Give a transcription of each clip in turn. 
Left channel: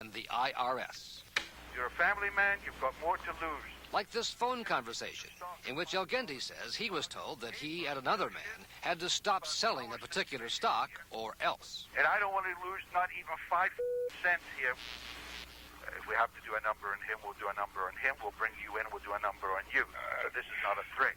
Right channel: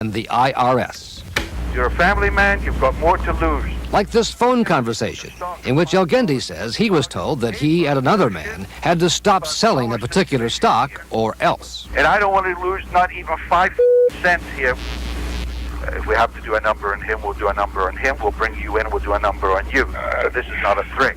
and the IRS. You're a family man, you've got more to lose. Like this phone conversation in which Elgindy says he was told that he and another man had to stop selling a particular stock or else. And I don't want to lose not even 5 cents here. If we have to do a number on him, we'll do a number on him. We'll bring you in, we'll do a number on you. This is not a threat.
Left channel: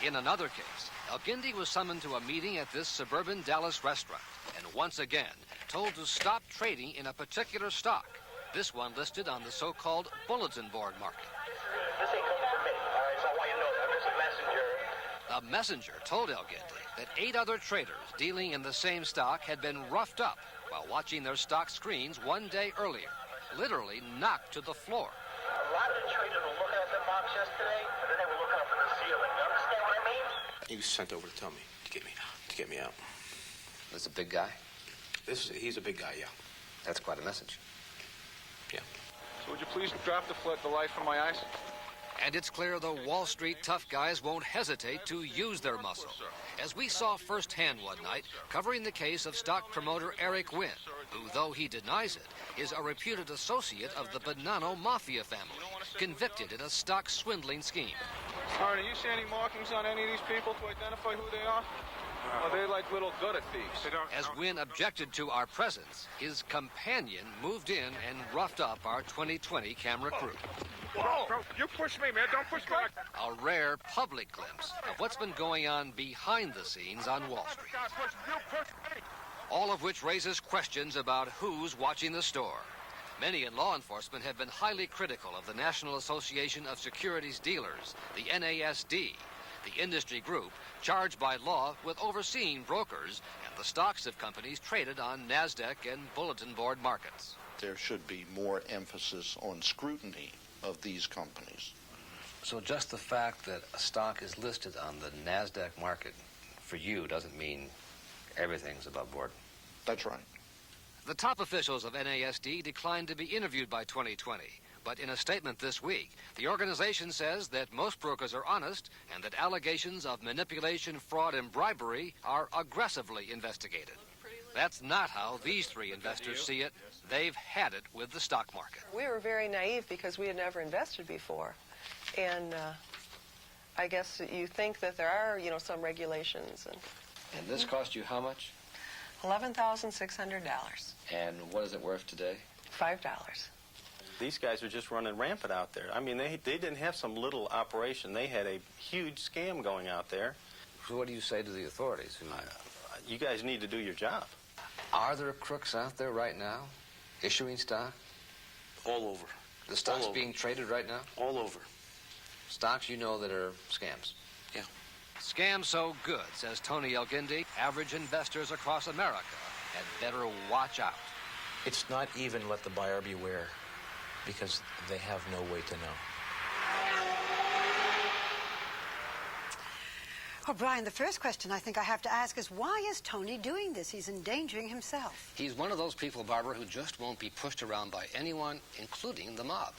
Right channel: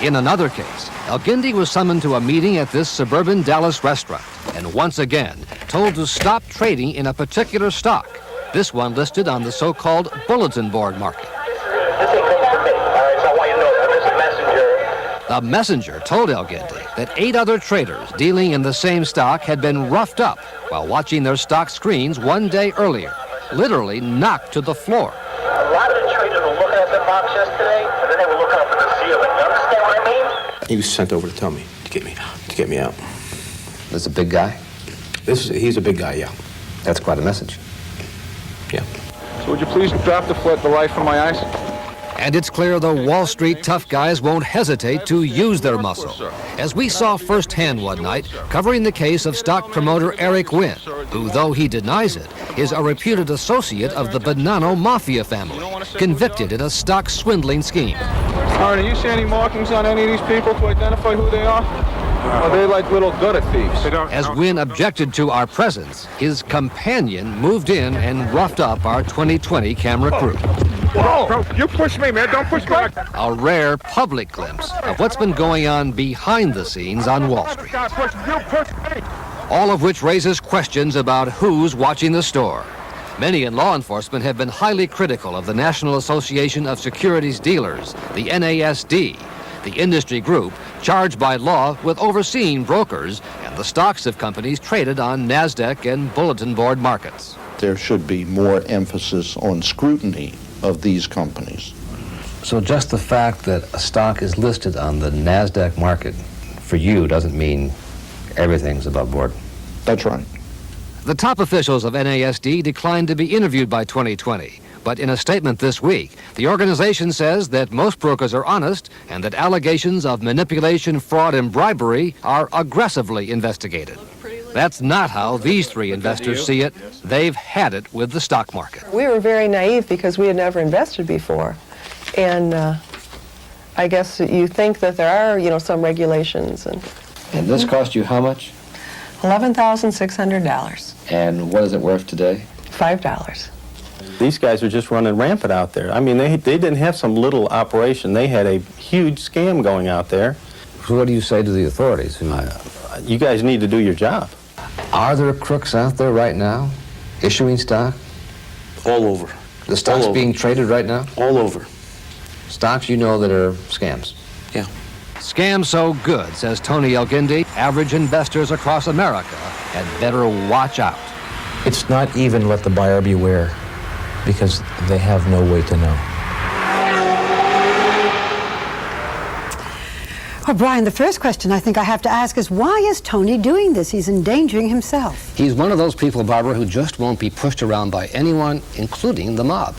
In another case, Elgindy was summoned to a meeting at this suburban Dallas restaurant and once again told to stop trading in a particular stock, this one listed on the so-called bulletin board market. This ain't coming from me, all right? So I want you to know that. This is Messenger. The messenger told Elgindy that 8 other traders dealing in the same stock had been roughed up while watching their stock screens one day earlier, literally knocked to the floor. A lot of the traders were looking at the box yesterday, but then they were looking up at the ceiling. You understand what I mean? He was sent over to tell me, to get me out. This a big guy? He's a big guy, yeah. That's quite a message. Yeah. So would you please drop the light from my eyes? And it's clear the Wall Street tough guys won't hesitate to use their muscle. As we saw firsthand one night, covering the case of stock promoter Eric Wynn, who, though he denies it, is a reputed associate of the Bonanno Mafia family, convicted in a stock swindling scheme. All right, do you see any markings on any of these people to identify who they are? Are they like little gutter thieves? As Wynn objected to our presence, his companion moved in and roughed up our 2020 camera crew. Whoa! Bro, you push me, man. Don't push me. A rare public glimpse of what's been going on behind the scenes on Wall Street. All of which raises questions about who's watching the store. Many in law enforcement have been highly critical of the National Association of Securities Dealers, the NASD, the industry group charged by law with overseeing brokers and the stocks of companies traded on NASDAQ and bulletin board markets. There should be more emphasis on scrutiny of these companies. So just the fact that a stock is listed on the NASDAQ market for you doesn't mean everything's above board? That's right. The top officials of NASD declined to be interviewed by 2020. But in a statement this week, the organization says that most brokers are honest and that allegations of manipulation, fraud, and bribery are aggressively investigated. That's not how these 3 investors see it. They've had it with the stock market. We were very naive because we had never invested before. And I guess you think that there are, some regulations. And this cost you how much? $11,600. And what is it worth today? $5. These guys are just running rampant out there. I mean, they didn't have some little operation. They had a huge scam going out there. So what do you say to the authorities? You guys need to do your job. Are there crooks out there right now issuing stock? All over. The stock's being traded right now? All over. Stocks you know that are scams? Yeah. Scam so good, says Tony Elgindy, average investors across America had better watch out. It's not even let the buyer beware, because they have no way to know. Well, Brian, the first question I think I have to ask is, why is Tony doing this? He's endangering himself. He's one of those people, Barbara, who just won't be pushed around by anyone, including the mob.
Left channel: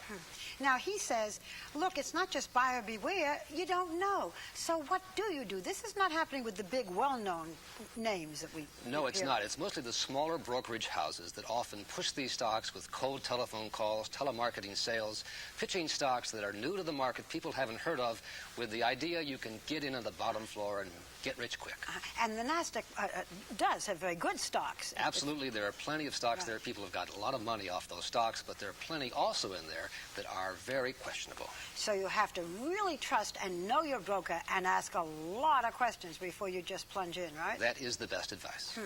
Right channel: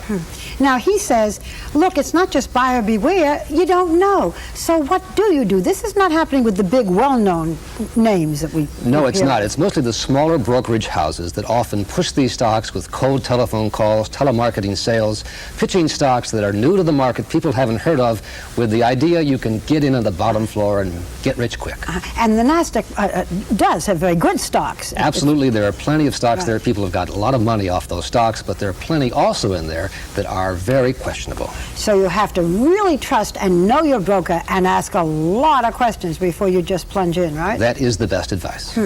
Now, he says, look, it's not just buyer beware, you don't know. So what do? This is not happening with the big, well-known names that we No, it's hear. not. It's mostly the smaller brokerage houses that often push these stocks with cold telephone calls, telemarketing sales, pitching stocks that are new to the market, people haven't heard of, with the idea you can get in on the bottom floor and get rich quick. And the NASDAQ does have very good stocks. Absolutely. There are plenty of stocks there. People have got a lot of money off those stocks, but there are plenty also in there that are very questionable. So you have to really trust and know your broker and ask a lot of questions before you just plunge in, right? That is the best advice.